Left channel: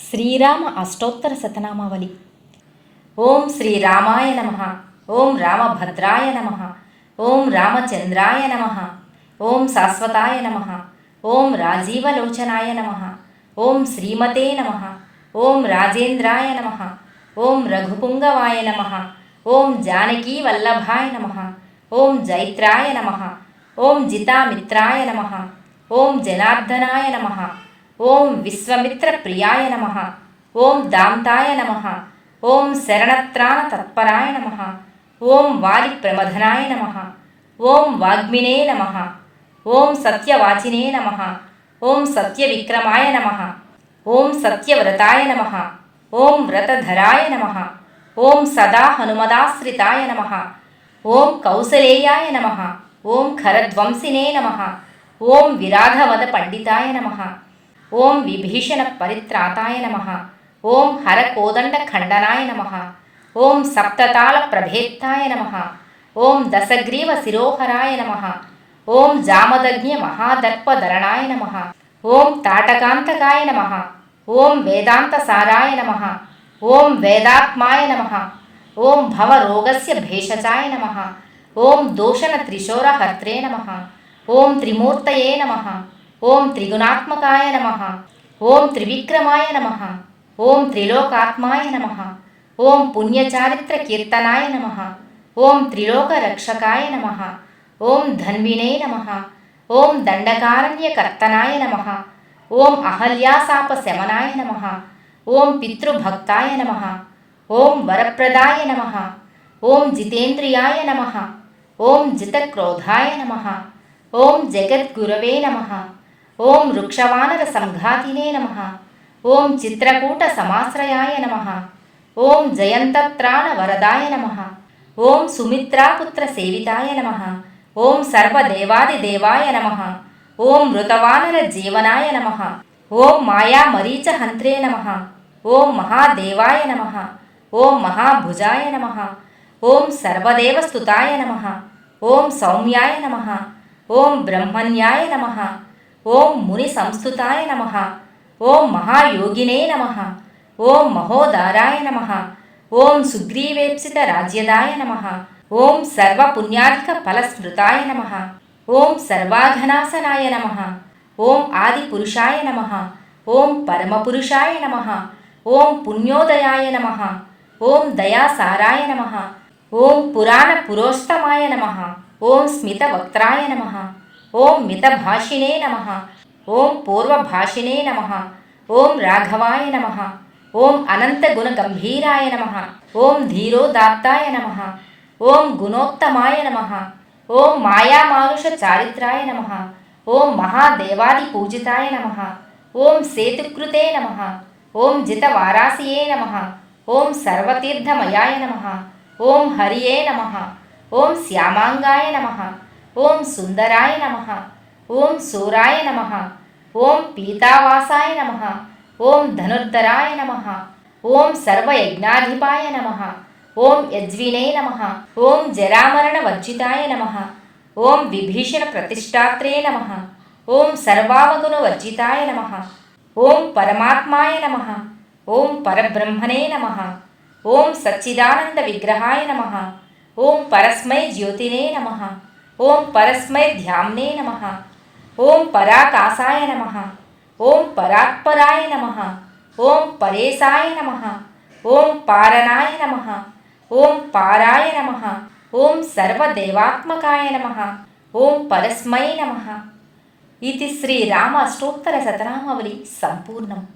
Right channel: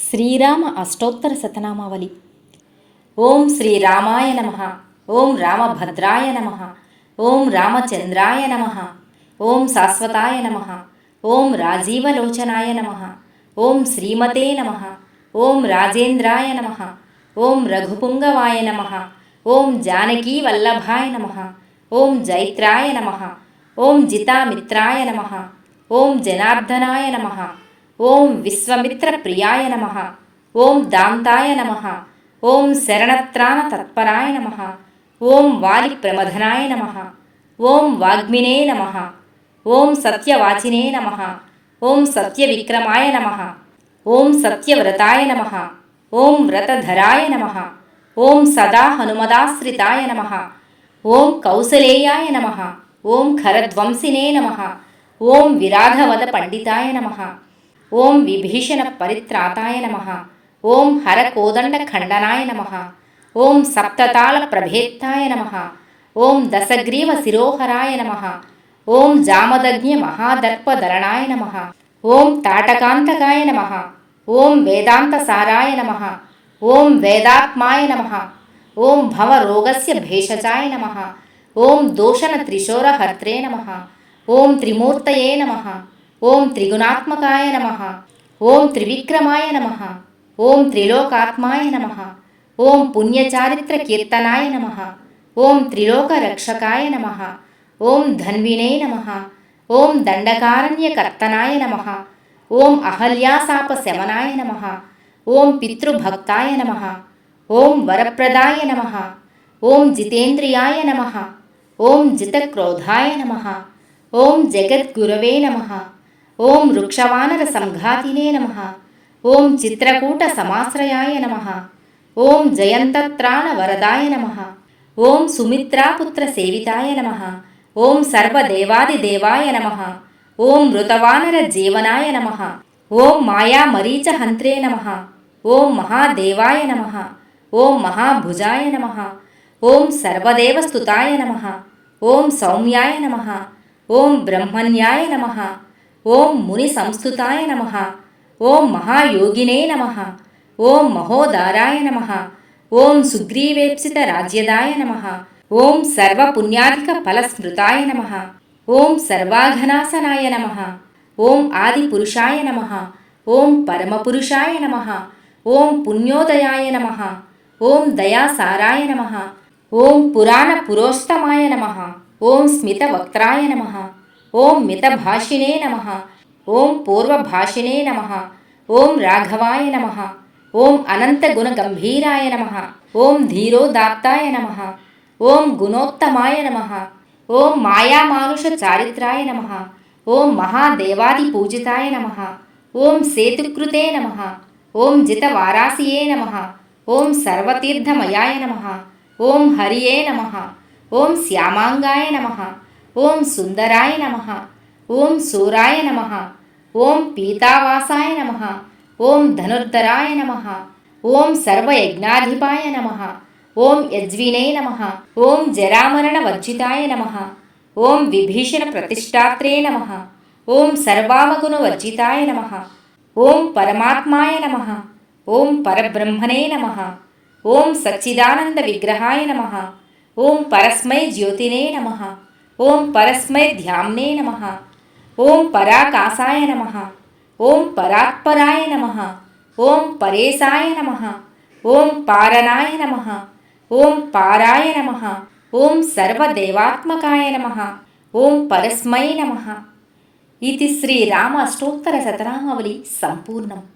శ్రీరామ అష్టోత్తర శతనామావళి ఓం శ్రీరామాయ నమ ఓం రామభద్రాయ నమ ఓం రామచంద్రాయ నమ ఓం శాశ్వతాయ నమ ఓం రాజీవలోచనాయ నమ ఓం శ్రీమతే నమ ఓం రాజేంద్రాయ నమ ఓం రఘుపుంగవాయ నమ ఓం జానకీ వల్లభాయ నమ ఓం జైత్రాయ నమ ఓం జితామిత్రాయ నమ ఓం జనార్దనాయ నమ ఓం విశ్వమిత్ర ప్రియాయ నమ ఓం దాంతాయ నమ ఓం శరణత్రాణ తత్పరాయ నమ ఓం వాలిప్రమథనాయ నమ ఓం వాగ్మినే నమ ఓం సత్యవాచినే నమ ఓం సత్యవిక్రమాయ నమ ఓం సత్యవ్రతాయ నమ ఓం వ్రతధరాయ నమ ఓం సదా హనుమదాశ్రితాయ నమ ఓం కౌసలేయాయ నమ ఓం ఖరధ్వంసినే నమ ఓం విరాధవద పండితాయ నమ ఓం విభీషణ పరిత్రాతాయ నమ ఓం హర కోదండ ఖండనాయ నమ ఓం సప్తతాళ ప్రభేత్తాయ నమ ఓం దశగ్రీవ శిరోహరాయ నమ ఓం జామదగ్ఞ మహాదర్పధరణాయ నమ ఓం తాటకాంతకాయ నమ ఓం వేదాంత సారాయ నమ ఓం వేదాత్మాయ నమ ఓం భవరోగస్య భేషజాయ నమ ఓం దోషణ త్రిశోరహర్త్రే నమ ఓం త్రిమూర్తయే నమ ఓం త్రిగుణాత్మకాయ నమ ఓం త్రివిక్రమాయ నమ ఓం త్రిలోకాత్మాయ నమ ఓం పుణ్యచారిత్ర కీర్తనాయ నమ ఓం త్రిలోక రక్షకాయ నమ ఓం ధన్వినే నమ ఓం దండకారణ్యకర్తనాయ నమ ఓం అహల్యాసాప శమనాయ నమ ఓం పితృభక్తాయ నమ ఓం వరప్రదాయ నమ ఓం జితేంద్రియాయ నమ ఓం జితక్రోధాయ నమ ఓం జగద్గురవే నమ ఓం వృక్షవానర సంఘాతినే నమ ఓం చిత్రకూట సమాశ్రయాయ నమ ఓం జయంతత్రాణ వరదాయ నమ ఓం సుమిత్రాపుత్ర సేవితాయ నమ ఓం సర్వదేవాదిదేవాయ నమ ఓం మృతవానర జీవనాయ నమ ఓం మాయా మరీచ హంత్రే నమ ఓం మహాదేవాయ నమ ఓం మహాభుజాయ నమ ఓం సర్వదేవస్తుతాయ నమ ఓం సౌమ్యాయ నమ ఓం బ్రహ్మణ్యాయ నమ ఓం ముని సంస్థుతాయ నమ ఓం మహాయోగినే నమ ఓం మహోదారాయ నమ ఓం సుగ్రీవేప్సిత రాజ్యదాయ నమ ఓం సర్వపుణ్యాధిక ఫలస్మృతాయ నమ ఓం సర్వాఘనాసనాయ నమ ఓం ఆదిపురుషాయ నమ ఓం పరమపురుషాయ నమ ఓం పుణ్యోదయాయ నమ ఓం దయాసారాయ నమ ఓం పురాణ పురోస్తమాయ నమ ఓం స్మితవక్త్రాయ నమ ఓం మితభాషిణే నమ ఓం పూర్వభాషిణే నమ ఓం రాఘవాయ నమ ఓం అనంతగుణగంభీరాయ నమ ఓం ధీరోదాత్తాయ నమ ఓం గుణోత్తమాయ నమ ఓం మాయామానుష చారిత్రాయ నమ ఓం మహాదేవాది పూజితాయ నమ ఓం సేతుకృతే నమ ఓం జితవారాసియే నమ ఓం సర్వతీర్థమయాయ నమ ఓం హరియే నమ ఓం శ్యామాంగాయ నమ ఓం సుందరాయ నమ ఓం సూరాయ నమ ఓం పీతావాసాయ నమ ఓం ధనుర్ధరాయ నమ ఓం సర్వయజ్ఞాధిపాయ నమ ఓం యజ్వినే నమ ఓం జరామరణ వర్జితాయ నమ ఓం విభీషణ ప్రతిష్టాత్రే నమ ఓం సర్వామగుణ వర్జితాయ నమ ఓం పరమాత్మాయ నమ ఓం పరబ్రహ్మణే నమ ఓం సచ్చిదానంద విగ్రహాయ నమ ఓం పరస్మై జ్యోతినే నమ ఓం పరస్మై ధ్యామ్నే నమ. ఓం పరాకాశాయ నమ. ఓం పరాత్పరాయ నమ. ఓం పరేశాయ నమ. ఓం పారణాయ నమ. ఓం పారాయ నమ. ఓం సర్వదేవాత్మకాయ నమ. ఓం పరస్మై నమ. ఇది శ్రీరామ అష్టోత్తర శతనామావళి సంపూర్ణం.